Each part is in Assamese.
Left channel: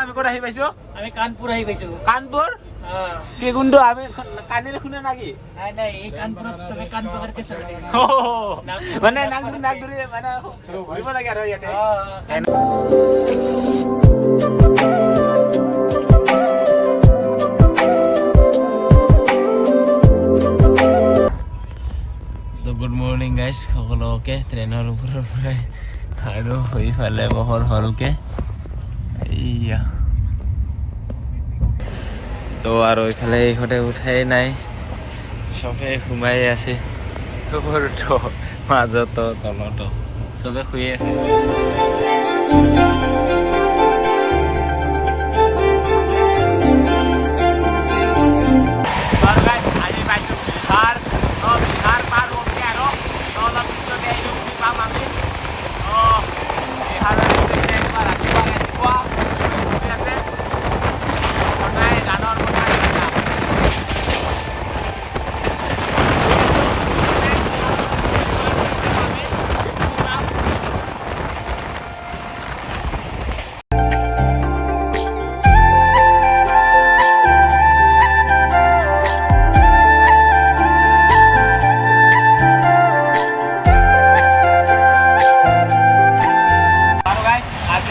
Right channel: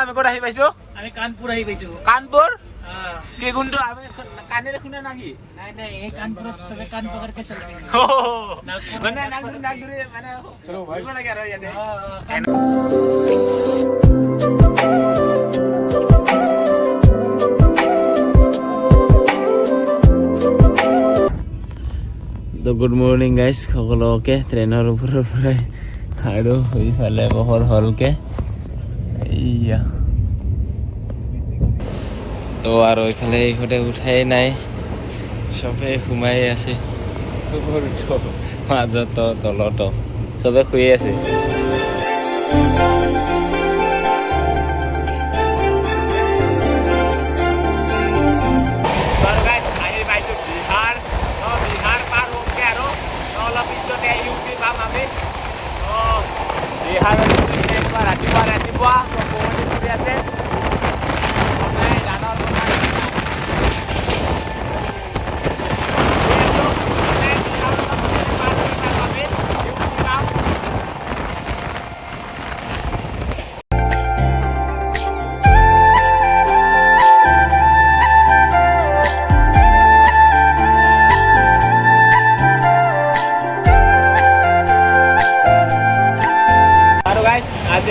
আমি ক'ত আহি পাইছো? আমি কানপুৰ আহি পাইছো। কানপুৰ? কি কোনটো আমি কানেৰে শুনা নাকি? নাই নাই এই কানপুৰত সবে কান পকৰকে চলে। মানে নাক ধৰি মানে ঘূৰিব লাগে আৰু ইয়াতে। তো গুড মৰ্নিং গাইজ সকলোকে ট্ৰেইনৰ ওপৰৰ পৰাই আৰু এইফালে পোহৰ হ'লকে এইয়া তো আৰু এইফালে এইখতে উঠাই নাই চবে সোমাই আছে ওপৰতো মাজতো তলতো চবে শুই আছে বিহাৰ পাৰ হ'মগে আৰু অলপ পিছতে ইউপি পাম আমি বিহাৰৰ পিছতে একবাৰ ৰাতিপুৱা কুঁৱলী ফুৰি আছে সদায় গানৰ কথা নিচিনা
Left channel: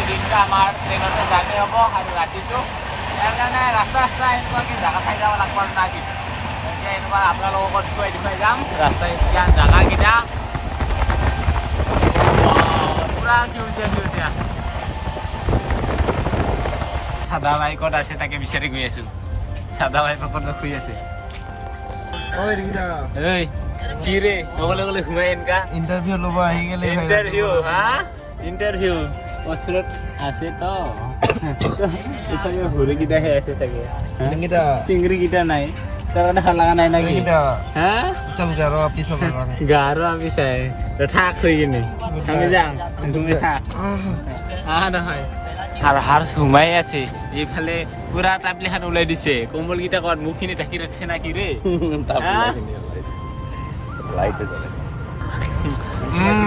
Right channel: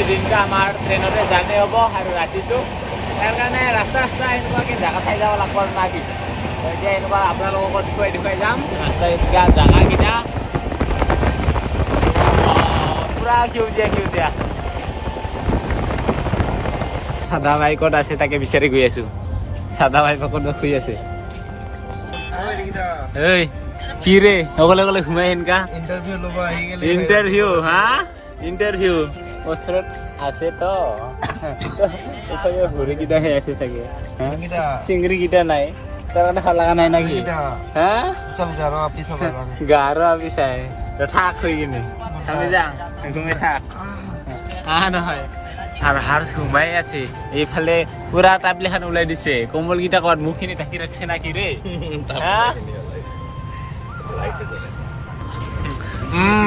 দিনটা আমাৰ ট্ৰেইনতে জাৰ্ণি হ'ব আৰু ৰাতিটো তাৰ কাৰণে ৰাস্তা এনেকুৱাকৈ জেগা চাই যাব লাগিব না কি এতিয়া এনেকুৱা আপোনালোকক দেখুৱাই যাম ৰাস্তা এতিয়া জেগাকেইটা পূৰা সেউজীয়া চাদা ভাই ক'ত আছে তাকে বিচাৰি গৈ আছো চাদা ভাই ক'ত শুই আছে ঐ কি ৰে অকলে ঘুমাই এনেকা ইণ্টাৰভিউ ল'ব আহি গ'লে ইণ্টাৰভিউ ওচৰত আছে তো এইফালে ভৰিকেইটা সেই আছে চাগে চিংৰিকেইটা নাই তাৰমানে খালা নাই না এইকেইটা চল গাৰ অফিচ হ'ব গাৰ অফিচ আহে থাক হৈ কিনি নহয় আৰু হাৰ সোমাই আছে এইফালে পুৰা টাপলিখান ওলাই দিছে কম্বলকেইটা ক'ত মুখখিনি ঢাকি ৰাখিছে না কি ৰে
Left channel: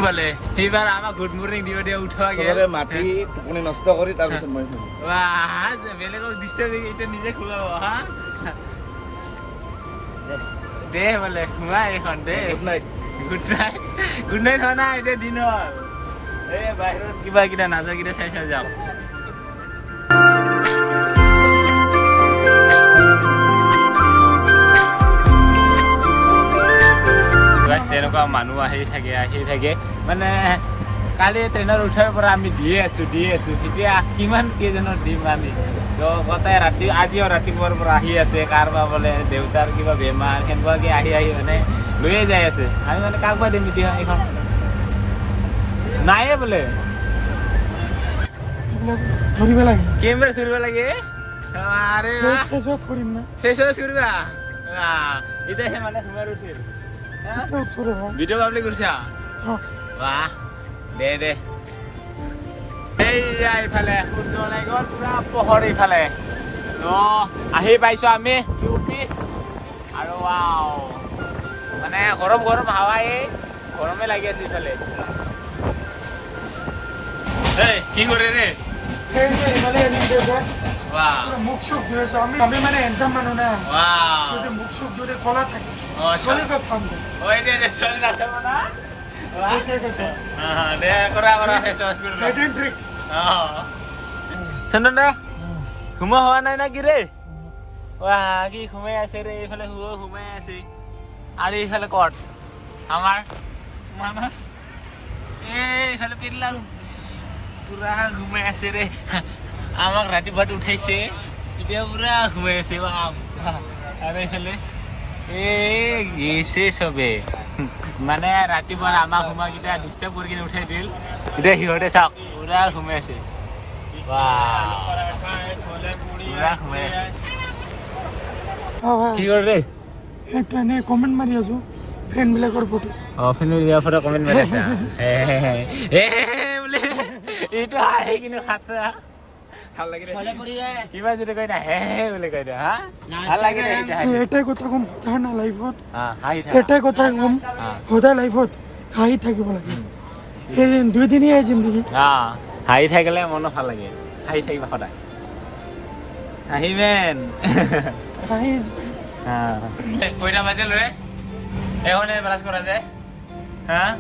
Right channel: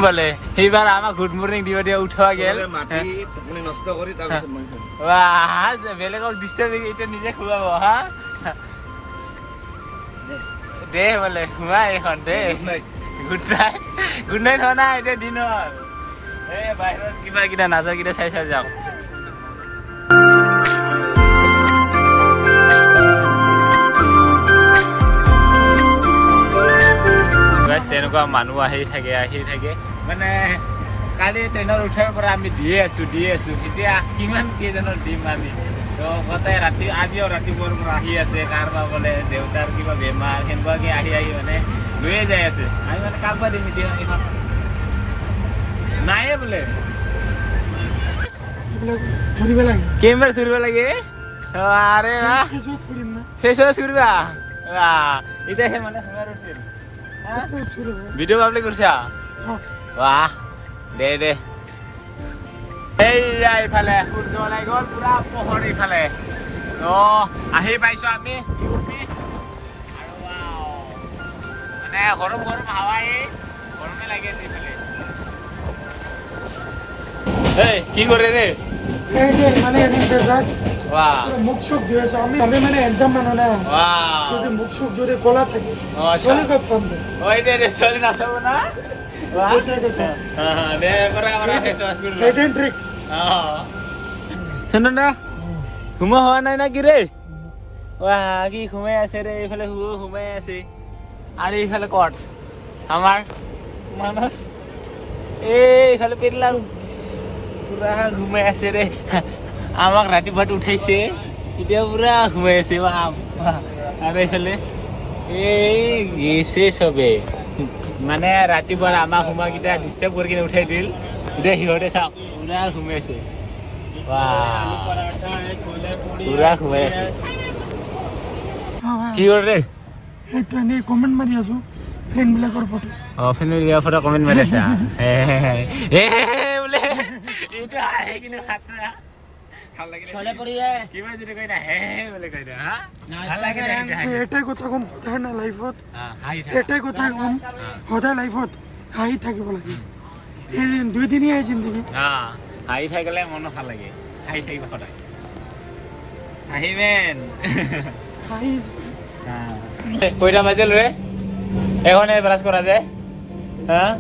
বলে এইবাৰ আমাক গুড মৰ্ণিং দিয়া উঠোৱা গেল মাটি টোপনি নষ্ট কৰি তাৰপিছত মই বেলেগক ডিষ্টাৰ্ব এতিয়া নিজে খুৱাব হা দে বোলে সোমা এইখন দে গুড নাইট হোৱা নাই এতিয়া দিন হ'ল এই বাহিৰত কিবা কেইটা নাজা কেইটা চাই যাওঁ এনেকুৱা মানুহ আহি থাকে মানে কালি ট্ৰেইনত উঠাৰ পৰা আমি দিয়ে আছো এতিয়া কিমান কেইজনৰ দিম আমি তো গোটেই ৰাতি আজিও ৰাতিপুৱাৰ পৰা আহি আছে কাৰোবাৰ বোলে দেউতাৰ কিবা বেমাৰ সেনেকুৱাকৈ আহি মানে লৈয়ে যাই আছে আমি মানে কাক বা দিম এতিয়া এইখন নাইয়ে বোলে ধৰিব লাগে কেইবাৰ ধৰিব লাগে আৰে ফেচ ৱাছ কৰিম না ফেচ ৱাছ কৰিবা এতিয়া মানে সোমাৰ উঠিল ভিডিঅ' পাব্লিক কৰিছা বাহ দে এইয়া এইফালে সূৰ্য ওলাই গ'ল পুৰা পোহৰ এইফালে আহি পাইছো আমি আৰু মানে গৰম হাৱাই গৰমে লাগি আছে এইফালে এই কি কৰে ৰে মুখ চুখ ধুই আছো আমি মানে এক্সাম মানুহ না মুখ চুখ যদি কলা থাকে ছোৱালী ক'ত পাম দে ছোৱালী নাচাব না দে কৰা ফেচ ৱাছ কৰি চন্দন দে সোমোৱা হোৱা নাই না কি ৰে কি সোমাই আছে ৰে এইফালে সোমাই আছে আৰু এইফালে ক'ত আমাৰ মানস এইফালে পেটলা পুৰা ঘুমাই আছে ৰে আমাক ৰাতিপুৱাটো উঠাইছে এতিয়া পুৰা সোমাই আছে আৰু এইফালে গেছে চবে মানে ৰাতিপুৱা আমাক সোমাকেইটা ডিষ্টাৰ্ব কৰি কিনে উঠাই দিল এতিয়া সিহঁতে চাওক পুৰা সোমাই আছে পুৰা সোমাই আছে কি কৰে এইটো এনেই কমেণ্ট মাৰি আছো ফ্ৰেণ্ডবিলাকৰ ফটো ফটো কমেণ্ট মাৰি আছা বোলে এইটো আহি কিনে খাতৰা কিবা যদি কয় না বুলি কয় এটাই কথা কম সদায় না লাইফত এটাই কথা কম সদায় লাইফত হাঁহি থাকিব লাগে এই দুই দিনীয়া জিন্দগী হাঁহি থাকিলে মনো ভাল লাগে হাঁহি থাকিবা সদায় আহিমেন আহিছ কইটা বাজিল রে এখনে ব্রাশ করা যায় হ্যাঁ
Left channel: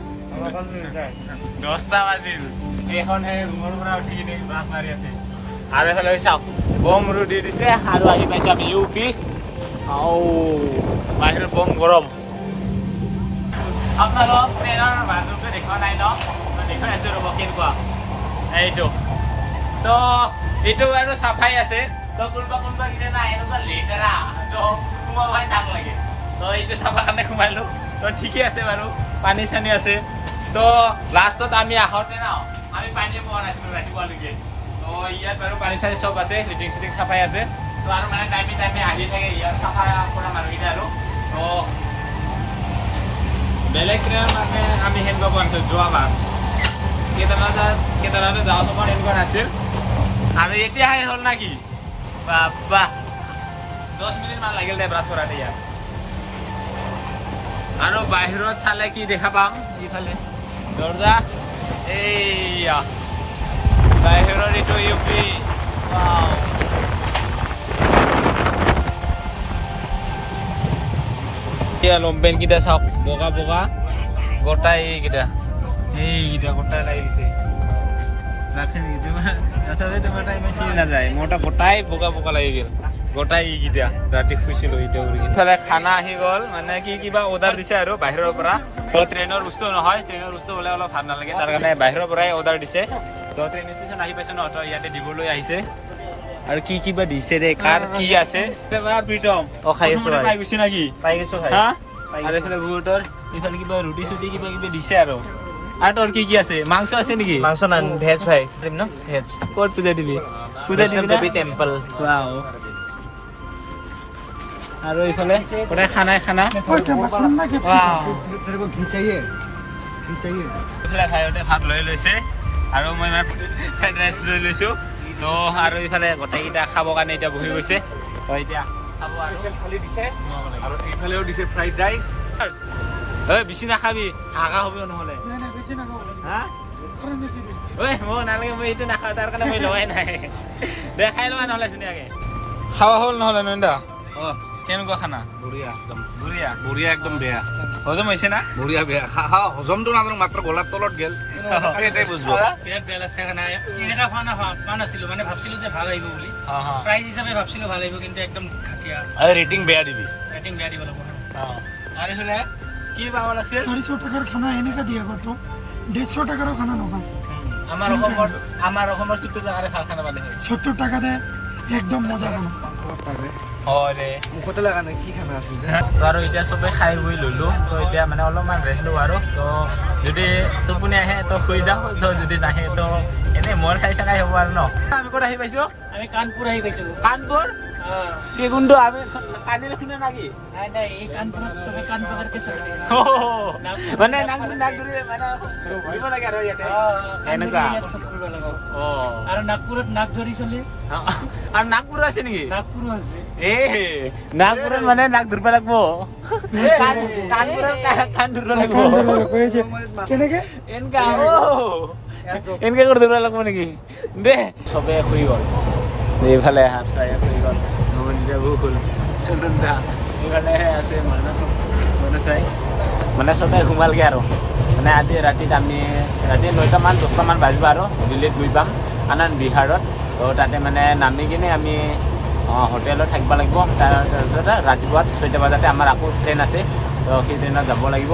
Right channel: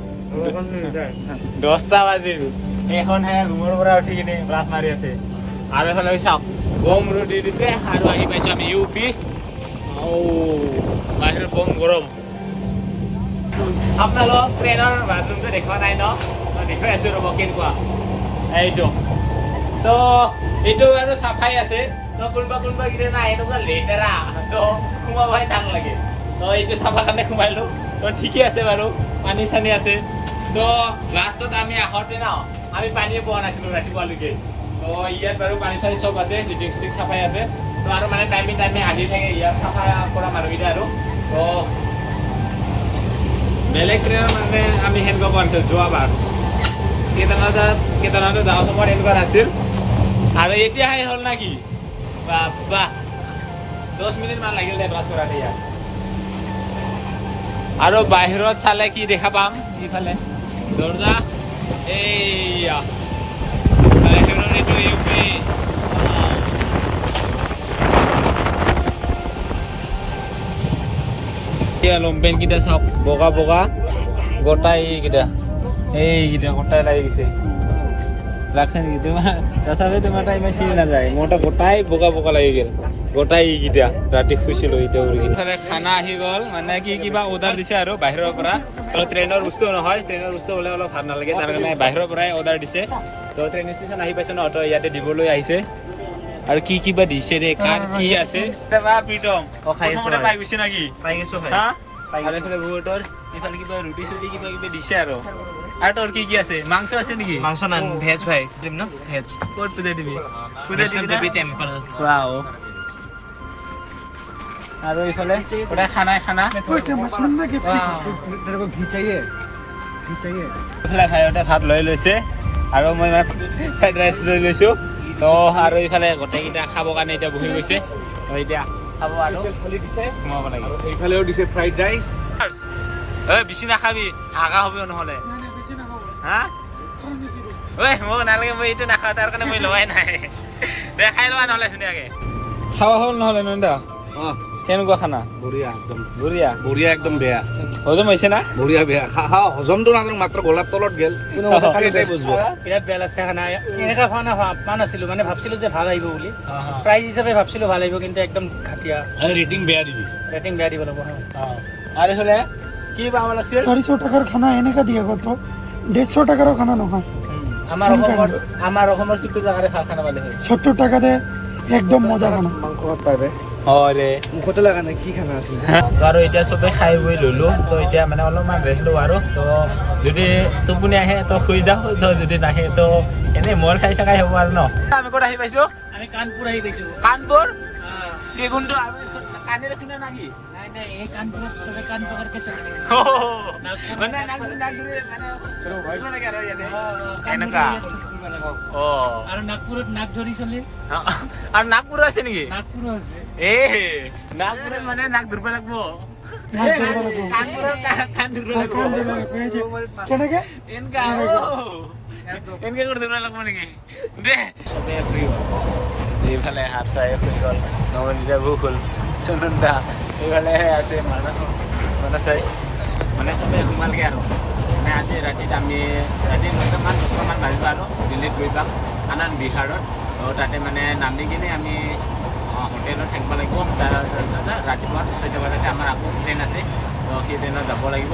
10টা বাজিল এখন হে ঘুমৰ পৰা উঠি কিনে ব্ৰাশ মাৰি আছে আৰু এফালে চাও বম ৰুটি দিছে আৰু আহি পাইছো আমি ইউপি আও বাহিৰত বম গৰম আপোনালোক ট্ৰেইনৰ বাথৰুমটো দেখুৱা নাই ন মই দেখুৱাই আছো ৰ'ব কেনেকুৱা এইটো তো এইটো আৰু চাফাই আছে তো কোনোবা কিনে নাই এনেকুৱা লেতেৰা তো সোমাবই টান লাগে তো এইটো চাফা কাৰণে সোমাইলো তো ঠিকেই আছে বাৰু পানী চানী আছে তো লাষ্টত আমি আহোঁতে ন আমি পানীয়ে পোৱা নাছিলোঁ ৰাতিপুৱালৈকে তো ইয়াত বাৰু পানী চানী চব আছে লিটিং চিটিং চাফাই আছে তো আৰু মানে টাইমে আহি থাকে ইয়াত চাফা কৰা মানুহকেইটা আৰু তো বেলেগ ট্ৰেইনৰ মানে আমি সেনেকুৱা পোৱা নাছিলোঁ যোৱাবাৰ কেদাৰনাথত যাওঁ সময়ত এনেকুৱা নাছিল আৰু এতিয়াহে হ'ল না কি বাবা 10 মিনিট মান লাগিল দে ব্ৰাছ কৰাতে ইয়াত আৰু বাহিৰত চালে কি দেখা পাম ইফালে দৰ্জা এইয়া বাহিৰৰ এইটো ইউপি লম্পেন কেইটা চাওক বগা বগা গোটাই এইকেইটা গোটাই লাগি গৈছে লাগছে নেকি তোমাৰ তথাপি তোমাৰ টাইম চিনি নাযায় মোৰতো গোটাই বগা বগা লাগি গ'ল গোটাই এইকেইটা ৰাতি শুইছিলোঁ এতিয়া ইফালে খানা আহি গ'ল মানে কি কিবা অৰ্ডাৰ দিছে আৰু বাহিৰৰ পৰা তো ট্ৰেইনৰ বস্তু নহয় ট্ৰেইনৰ বস্তু হ'লে অলপ ভাল নালাগে তাৰ কাৰণে বাহিৰৰ পৰাই অৰ্ডাৰ দিছে তো ট্ৰেইন ষ্টেচন আহি পাইছে ন তো ইয়াতে দিবলৈ আহিছে আৰু কি কিবা দিছে দে কাৰ কি আছে প্ৰীতম খাই আছো পাই গৈছে নেকি পাই গৈছো খাই হা আৰু এইফালে বহুতৰ ইফালে কিবা ৰুটি চুটি কিবা কিবি দিছে আৰু তোৰ কি আছে মাংস আছে নেকি মাংস না ভেজ ভাই দিম ন ভেজ ক'ত পূজা দিবি পূজা দিবি দেৱী টেম্পল ৱাও আৰু ইফালে গোটাই খানা ইফালে খাইতে ভাত লৈ লৈছে আৰু মই ফ্ৰাইড ৰাইচ লৈ লৈছোঁ তো আৰু ইফালে গোটেইকেইটা খাবৰ কাৰণে এতিয়া বহি গৈছে তো এতিয়া খাব আৰু খালি দিছে সোমাব লাগে আৰু এইফালেও দিছে ফ্ৰাইড ৰাইচ ঐ বেছি নাখাবি হাগা হ'ব নহ'লে হা ঐ মোক নালাগে মই এইটো নাখাওঁ তাৰ কাৰণে মই লোৱাই নাই দে খাই লোৱা নহ'লে ধুনীয়াকৈ খাৱা হ'ল নহ'লে নন্দা অঁ কেনেকুৱা খানা বঢ়িয়া একদম বঢ়িয়া বঢ়িয়া একদম বেয়া হজম হৈছে না বঢ়িয়া বেয়া হজমটো নাজানো মাত্ৰ গলাৰ তলত গেল এটাই বুজব বিৰাট বেয়া লাগছে খানা এনেকুৱা খানা পোৱা নাছিলোঁ মানে ভাবছিলোঁ যে ভাল আহিব বুলি প্ৰাইজ হিচাপে ভাবছিলোঁ ভাল আহিব কিন্তু একদম ঘাটিয়া ৰেটিং বেয়া দিবি ৰেটিং বেয়া দিব লাগিব আৰু হ'লে কি পাব লাগিছিল 400 টাকাৰ খানা এনেকা দিয়ে কত 150 টাকাৰো খানা নহয় আমাৰ অসমৰ 70 টাকাৰে খানা পালে হয় 70 টাকাতে একদম মজা খানা মাংস পাইবে অৰে মুখতে লগা নাই কি খানা আছিল তো আৰু এতিয়া চবে খাই বৈ ল'লোঁ তো এতিয়া মানে অলপমান ৰেষ্ট লওঁ আৰু তো যদি টোপনি আহে তো শুই যাওঁ তো যদি নাহে তো এনেই মোৰ খাই থকাই হ'ব আৰু ন আমি ক'ত আহি পাইছোঁ আমি কানপুৰ আহি পাইছোঁ কানপুৰ কি কোনটো আমি কানিৰে শুনা নাকি নাই এই কানপুৰত চবে কান পকাৰকে চলে মানে নাক ধৰি মানে ঘূৰিব লাগে আৰু ইয়াতে এনেকুৱা আৰু নাগপুৰত নাক ধৰি চলে আৰু নাগপুৰ আছে নেকি নাগপুৰ আছে নাগপুৰত মানে নাক ধৰিব লাগিব কানপুৰত কাণ ধৰিব লাগিব কেনেকে এনেকা এনেকে কৰি ধৰিব লাগিব নেকি দে চবে শুই গ'ল এইফালে হাত চাই শুই গ'ল নমনীয়া ভোক হ'ল সুনন্দা এইফালে আছে মানুহ চাই মানে চবে ঘুমালগৈ আৰু মানে আজি ৰাতিত আমি ৰাতি 9টামান 10টামান বাজিব আৰু দিল্লীত গৈ পাম আনন্দ বিহাৰত তো তাতে মানে নামি কিনে আমি হোটেলত থাকিব লাগিব তাৰপিছত ৰাতিপুৱা 6টা বজাতে আমাৰ আকৌ ট্ৰেইন আছে তো সেই ট্ৰেইনত যাব লাগিব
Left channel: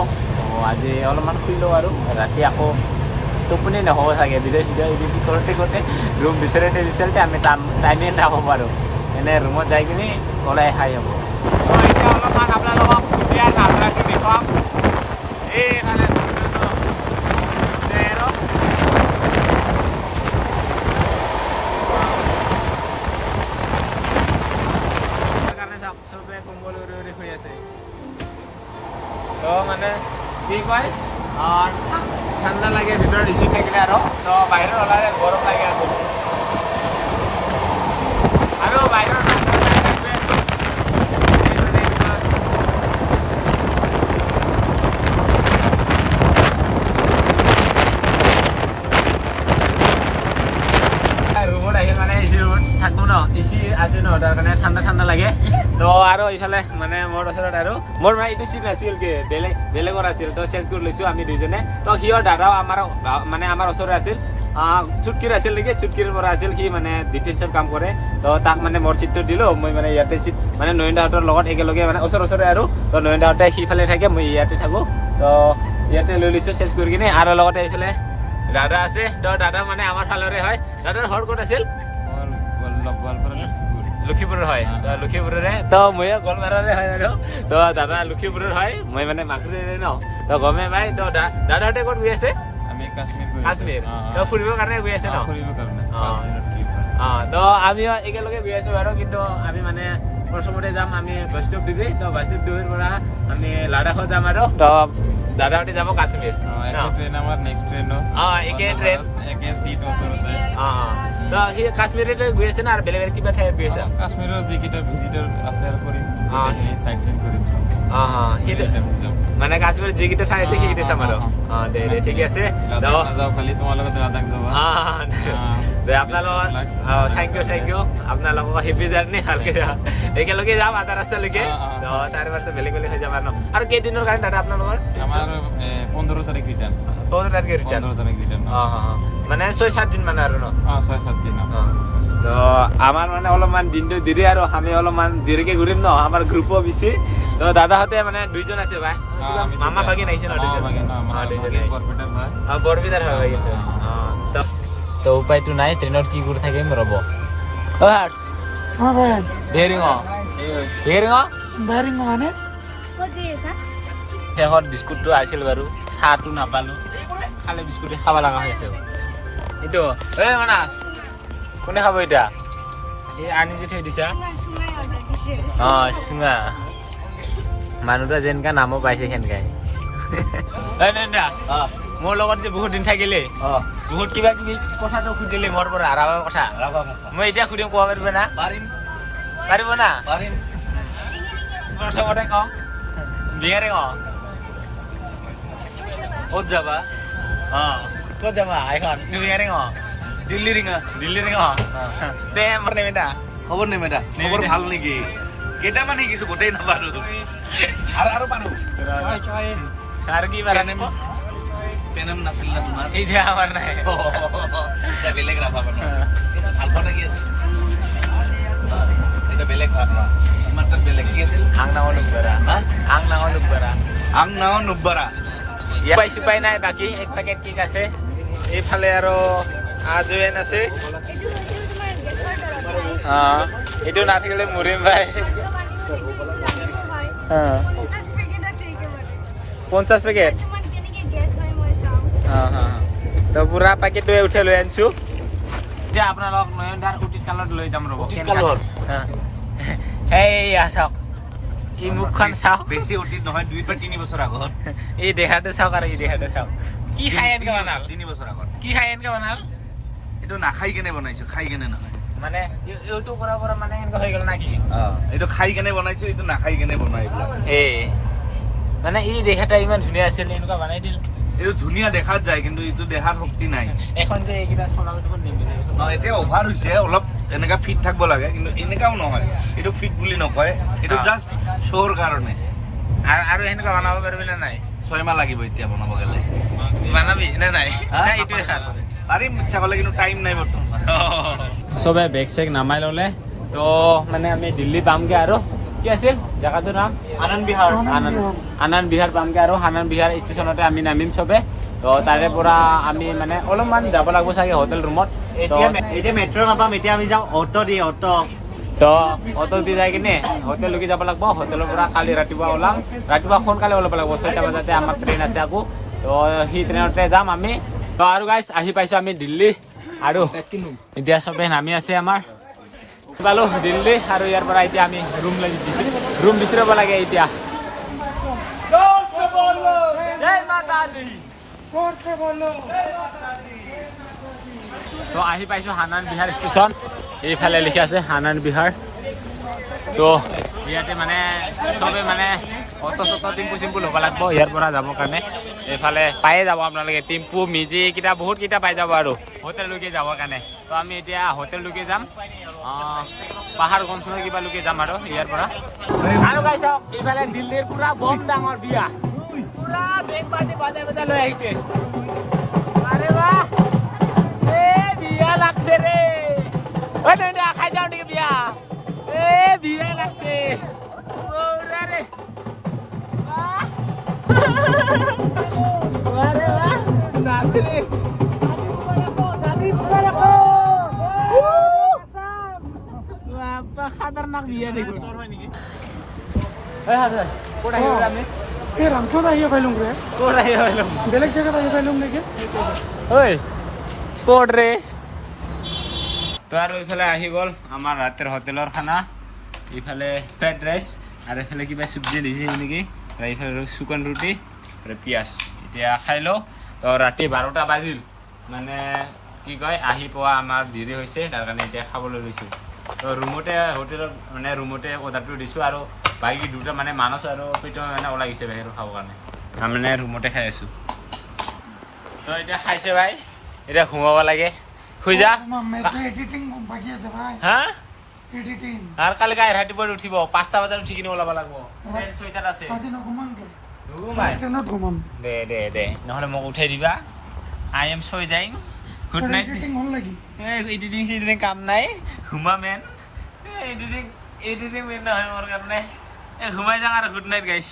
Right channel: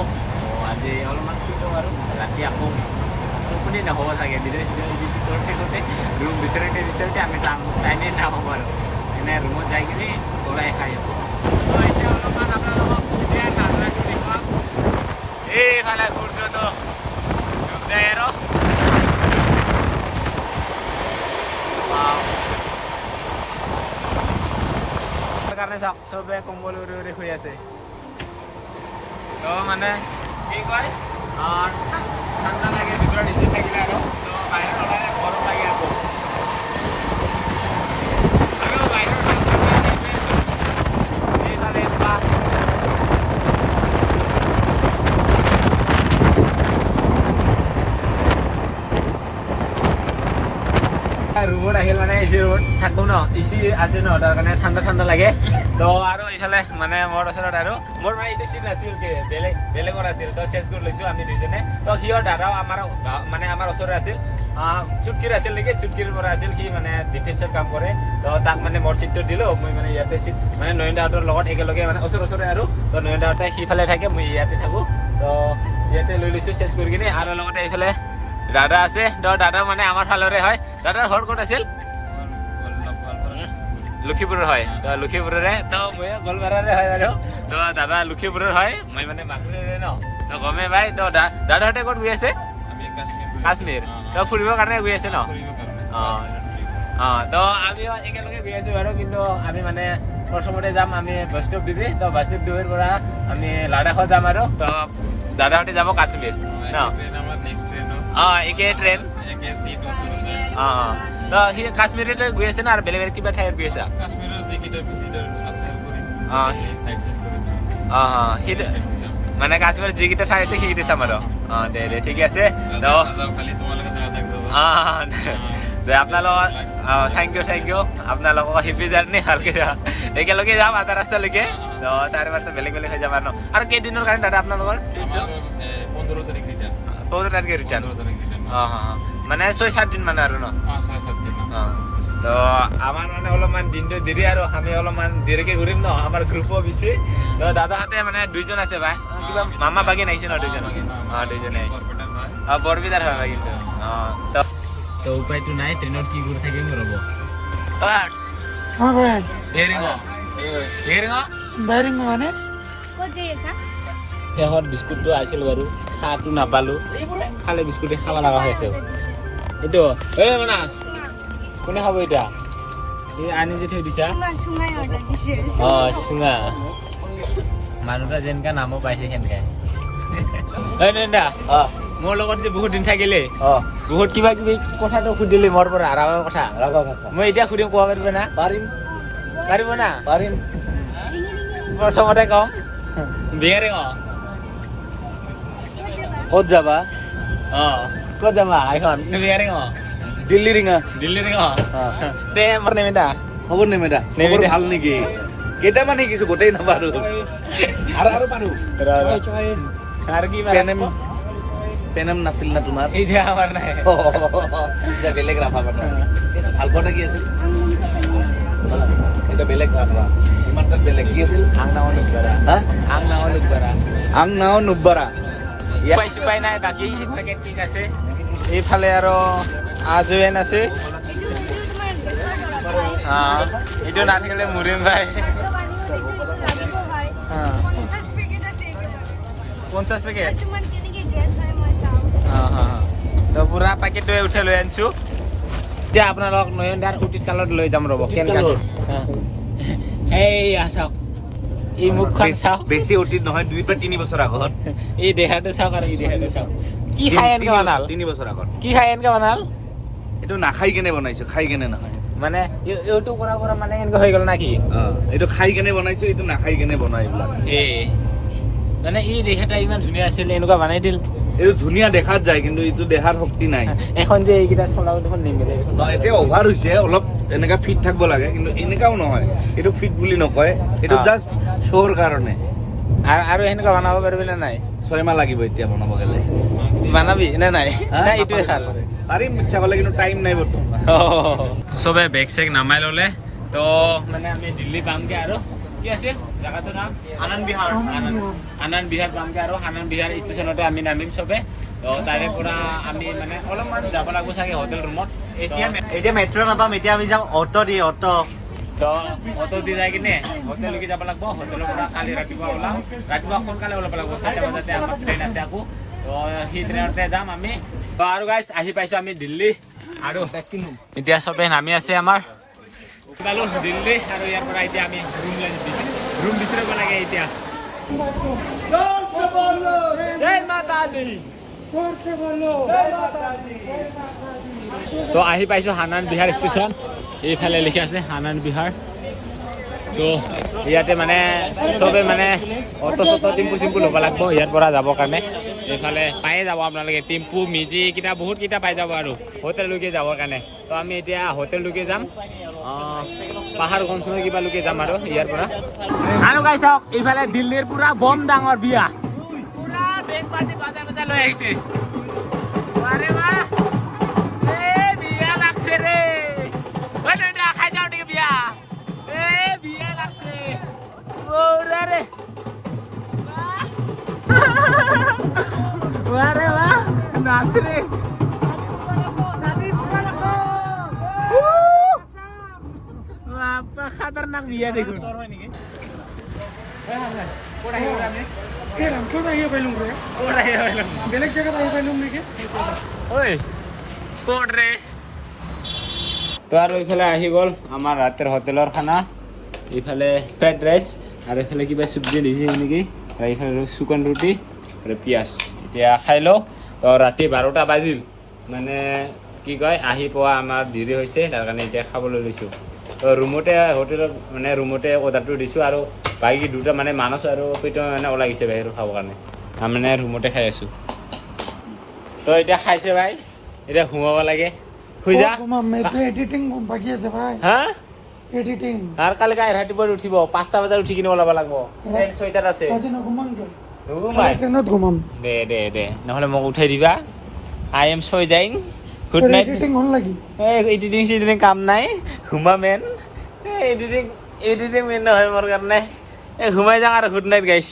আজি অলপমান শুই লওঁ আৰু ৰাতি আকৌ টোপনি নহ'ব চাগে ভিডিঅ' চিডিঅ' এডিট কৰোঁতে ৰুম বিচাৰোঁতে আমি টাইমে নাপাব আৰু এনে ৰুমত যাই কিনে ওলাই খাই হ'ব এতিয়া অলপমান আপোনালোকক এইফালে সূৰ্যটো ডুব যায় আৰু কাৰণে চবে কম্বল উৰি শুই আছে তো মানে কি কয় ঠাণ্ডা লাগে ভিতৰত এচি থাকিলে আৰু তো বাহিৰত ওলালে গৰম লাগে আৰু বাহিৰত ৰুমত আহিল মানে এচি ৰুমত থাকোঁ ন এচি আছে ন তাৰ কাৰণে ঠাণ্ডা লাগে তো আৰু ইফালে মানে মোৰ ওচৰত আৰু মোৰ মানে এইটো চিট আছিল কি বেলেগৰ আছিল তো চেঞ্জ কৰি লৈছো আমি দুইজনে তো সিও দাদাও আমাৰ মানে আমাৰ ওচৰত আছিল চুটকিৰ আছিল নেকি চুটকিৰ পৰা আছিল সি মানে ডিফেন্সৰ কাম কৰে তো তাক মানে মোৰ চিটটো দিলো মই মানে ইয়াতে চিট মানে নয়নদাহঁতৰ লগত একেলগে মানে ওচৰে আৰু তো নয়নদাহঁতে সিফালে থাকে মই ইয়াতে থাকো তো ইয়াতে লৈ লৈছো চেঞ্জ কৰি কিনে আৰু লগতে এইফালে দাদা আছে তো দাদা মানে আমাৰ ফালৰে হয় দাদাৰ ঘৰ ক'ত আছিল লক্ষীপুৰৰ হয় তো লক্ষীপুৰৰে তো মই গোৱালপাৰাৰে হয় আৰু তো দাদা লক্ষীপুৰৰ হয় মই মানে মাগুৰীৰে ন তো গমে পাই তো দাদাহঁতে ক'ত গৈ আছে কাশ্মীৰ তো ফুৰিবৰ কাৰণে গৈ আছে ন তো আমিও একেলগে গৈ আছো আৰু কিন্তু আমি মানে প্ৰথমতে যাম আমি বৈষ্ণৱ দেৱী তো বৈষ্ণৱ দেৱীৰ পৰা আমি লাডাখত যাম আৰু তো দাদাহঁতে যাব কাশ্মীৰ ন একে ট্ৰেইন তো সি কাশ্মীৰতে গৈ আছে না আৰু বেলেগ কিবা ঠাইত গৈ আছে কাশ্মীৰৰ যিকেইটা ভিজিটৰ আছে সেইটো মানে কাশ্মীৰত যিকেইটা ঠাই আছে সেইকেইটা চাম আৰু দে ঠিকে আছে আপোনালোকৰ থেংক ইউ আপোনালোকক হেপী জাৰ্ণি ভালকে একেলগে যাম আধা ৰাস্তালৈকে তো তাৰ পাছত বেলেগ হৈ যাম আৰু কেইদিনৰ কাৰণে দাদা আপোনালোকৰ 15 তাৰিখে ৰিটাৰ্ণ মানে 6-7 দিন মানে আৰু ন 6-7 দিন তো আমাৰ মানে অলপমান দিনটো দেৰি আৰু আমি অলপমান দেৰিকে ঘূৰিম ন আমাৰ গ্ৰুপো বেছি তো দাদাহঁতে মানে দুইজন আছে ভাই কিবা মামা বাগিন আহিছে ন দুইজনে আহিছে বৰবিদাৰ হয় ভাই কিন্তু তো উপায়টো নাই ট্ৰেইনত কি কৰি থাকিম ৰ'ব বেয়াৰিং মানে শেষত বিস্কুটটো আছিল বাৰু চাহটো নাপালোঁ খালে বিস্কুটে খাব লগা হৈ আছে এইটো এই মানাছ কোনে খাব এতিয়া আনি যে থৈ দিছা চুঙা মানুহটা যেনেকা নামো পাইছে সেনেকাই মোৰ লগত যে বহুত দিন থাকিলে বহুত কিবা কিবি কথাটো সুধিলি মোৰ পৰা ৰাভা কথা মই এতিয়া সুধিম ক'ব পাৰিব না পাৰিব না প্ৰথমতে কম বিহাৰে ক'ত যাবা ক'ত যাবা এখন বিহাৰে দিল্লী ৰিঙা দে মোৰ নিমিতা খবৰ নেমেদা খবৰ ভাল নেকি কেইটামান শিকিছো গোটেই নাপাৰো আৰু পাৰো আৰু কি পেনেম নাছিল না তোমাৰ এতিয়া আমাৰ নাই বেলেগ ৰাভা ভাল কথা কি আছিল এটা বেলেগ ৰাভা ইমান তাত বেলেগ কি আছিল আং নাও নুব্বাৰা উপায় নাই বাকী এক পেকেট কেক আছে এইফালে আৰু আজয়েন আছে এইটো নাথাকিলে মৰিম ভাই 50 পেকেট তো পুৰা পেকেটটোৱে উঠাই লৈ আনিছোঁ এতিয়া আপোনালোকক নয়নদাৰ উটিত কালত লৈ যাম ৰ'ব কেনেকুৱা এইয়া চাওক এই মুখখন চাওক বেছি অতীত নহয় 2 বা 3 বছৰ আগত এই দেখাটো চাওক আৰু এই দেখাটো চাওক কি খাই এনেকৈ বনাল 3 বছৰ আগত কি খাই এনেকৈ বনাল এইটো নাখাই কেনে বনাইছো খাই কেনে নহয় মানে এইটো কৰা মানে এনেকৈ হৈ গ'ল নাকি এইটো খাই কেনে বনাইছো এইটো নাখাই কেনে বনাই মানে এই দেখাটা ইমান ধুনীয়া আছিল এনেকুৱা বনাই দিল এইটো ধুনীয়া দেখাত যায় কিন্তু এইটো দেখাৰ শক্তি নাই এখন যে এইকেইটা চলাও দেখোন নিমিলে এতিয়া অভাৰ হৈছে অলপ এনেকা ফিট থাকিব লাগে কিন্তু এনেকাও নহয় এইটো ফিট বুলি নকয় এইটো জাষ্ট শ্ব'ৰ কাৰণে আৰু এনেকুৱা বনাব পাৰিবি নে নাই 6 মাহ লাগিব এতিয়া বনাব গ'লে বনাবি নে নাই এইটোৱে ভাল পাৰিম ইচ্ছা কৰিলে কিন্তু টাইম নাই বৰ্তমান চবে বেগ চেগ নামাই ল'লে তো মানে আমি দিল্লী পামগৈ আৰু কি আছিল জেগাটোৰ নাম আনন্দ বিহাৰ পামগৈ আৰু আনন্দ বিহাৰ ষ্টেচনতে আমি নামিম চবে তো তাৰে পৰা আমি মানে অলপমান যাব লাগিব চাগে হোটেল ৰুমত এতিয়া মেট্ৰ' নাপাম এতিয়া আমি যাম অটো তো অটো দি যাই কিনে হোটেললৈকে যাব লাগিব হোটেলৰ পৰা কালি ৰাতিপুৱা ওলাম ৰাতিপুৱা সোনকালে ওলাব লাগিব 6টা বজাতে আমাৰ ট্ৰেইন আছে আকৌ তো সেই ট্ৰেইনতে যাম আমি আৰু গাইছ আহি পাইছোঁ আমি দিল্লী আৰু এতিয়া চবে নামি আছে আমাৰ পালোঁ দিল্লী আৰু ইয়াৰ পৰা এতিয়া আমি ৰুম বিচাৰিব লাগে এতিয়া জয় মাতা দি তো আহি পাইছোঁ আনন্দ বিহাৰ ষ্টেচন এইফালে লিখি আছে আনন্দ বিহাৰ তো ইয়াতে মানে চবে মানে অটো চটো টিম্পু চিম্পু ল'ব লাগিব ইয়াৰ পৰা যাবৰ কাৰণে এইফালে পায়ে যাব আপোনালোকে টিম্পু মিজি কেইটা বহুত কেইটা পাই যাব আৰু হোটেললৈকে যাবৰ কাৰণে তো আমি এতিয়া হোটেললৈকে যাম পাহাৰগঞ্জৰ কিবালৈকে যাম আৰু ইয়াৰ পৰা আৰু গাই চাওক এইফালে দিল্লীৰ পুৰা বম ডাঙৰ বিয়া পুৰা বেগ পাৰ্টি বাজাই লৈ আহিছে আৰে বাহ বিয়া লাগছে ৰে খাই যাওঁ নেকি বিয়া বিয়া লাগছে ৰে নাচ ৰে খাতাৰনাক বিয়া দেখুন ক'ত আহিব আমি এই ৰামপুৰত আহিব পাৰিলোঁ ৰে ক'ত আহিব পাৰিলোঁ বেলেগ জেগাত আহিব পাৰিলোঁ নেকি ঐ ক'ত ৰে তো আৰু এইফালে আহি গ'ল আমাৰ ৰাতিৰ হোটেলৰ খানা এইফালে ফ্ৰাইড ৰাইচ আৰু এইফালে কিবা চব্জি দিছে নেকি আৰু এইফালে শুকান ৰুটি আৰু পিঁয়াজ এতিয়া খাই লওঁ তো ৰাতি 12টা বাজিল মানে কি কয় আহি পোৱা আমাৰ দেৰি হৈছে তাৰ কাৰণে এতিয়া খাবলৈ লৈছোঁ তো ৰুমতে হোটেলত মানে ৰুমতে অৰ্ডাৰটো দিছোঁ আৰু বাকী দুটা মানে মানস আৰু প্ৰীতম মানে ওলাই গৈছে বাহিৰত খাবৰ কাৰণে আমি মানে ৰুমতে খাই আছোঁ তো এতিয়া খাইছে ভাই এতিয়া সোমাব লাগে শুই যা এডিটিং বাকী আছে ভাই হা এডিটিং আৰু কালি গাই ৰাতিপুৱা উঠিব 5টা বজাত উঠি কিনে ওলাব লাগিব ট্ৰেইন 6টাত আছে আজি নঘুমামগে নুঘুমাই ট্ৰেইনত ঘুমাম দে নহ'লে মোক উঠাই দিবা আই এম ছয় যাইং গুড নাইট এডিটিং হ'ল লাগি এডিটিং চিডিটিং কাম নাই ঘুমা মেন এডিটিং মেন নহয় মোৰ কাৰণে ঘুমাই যাওঁ আৰু গুড নাইট গাইছ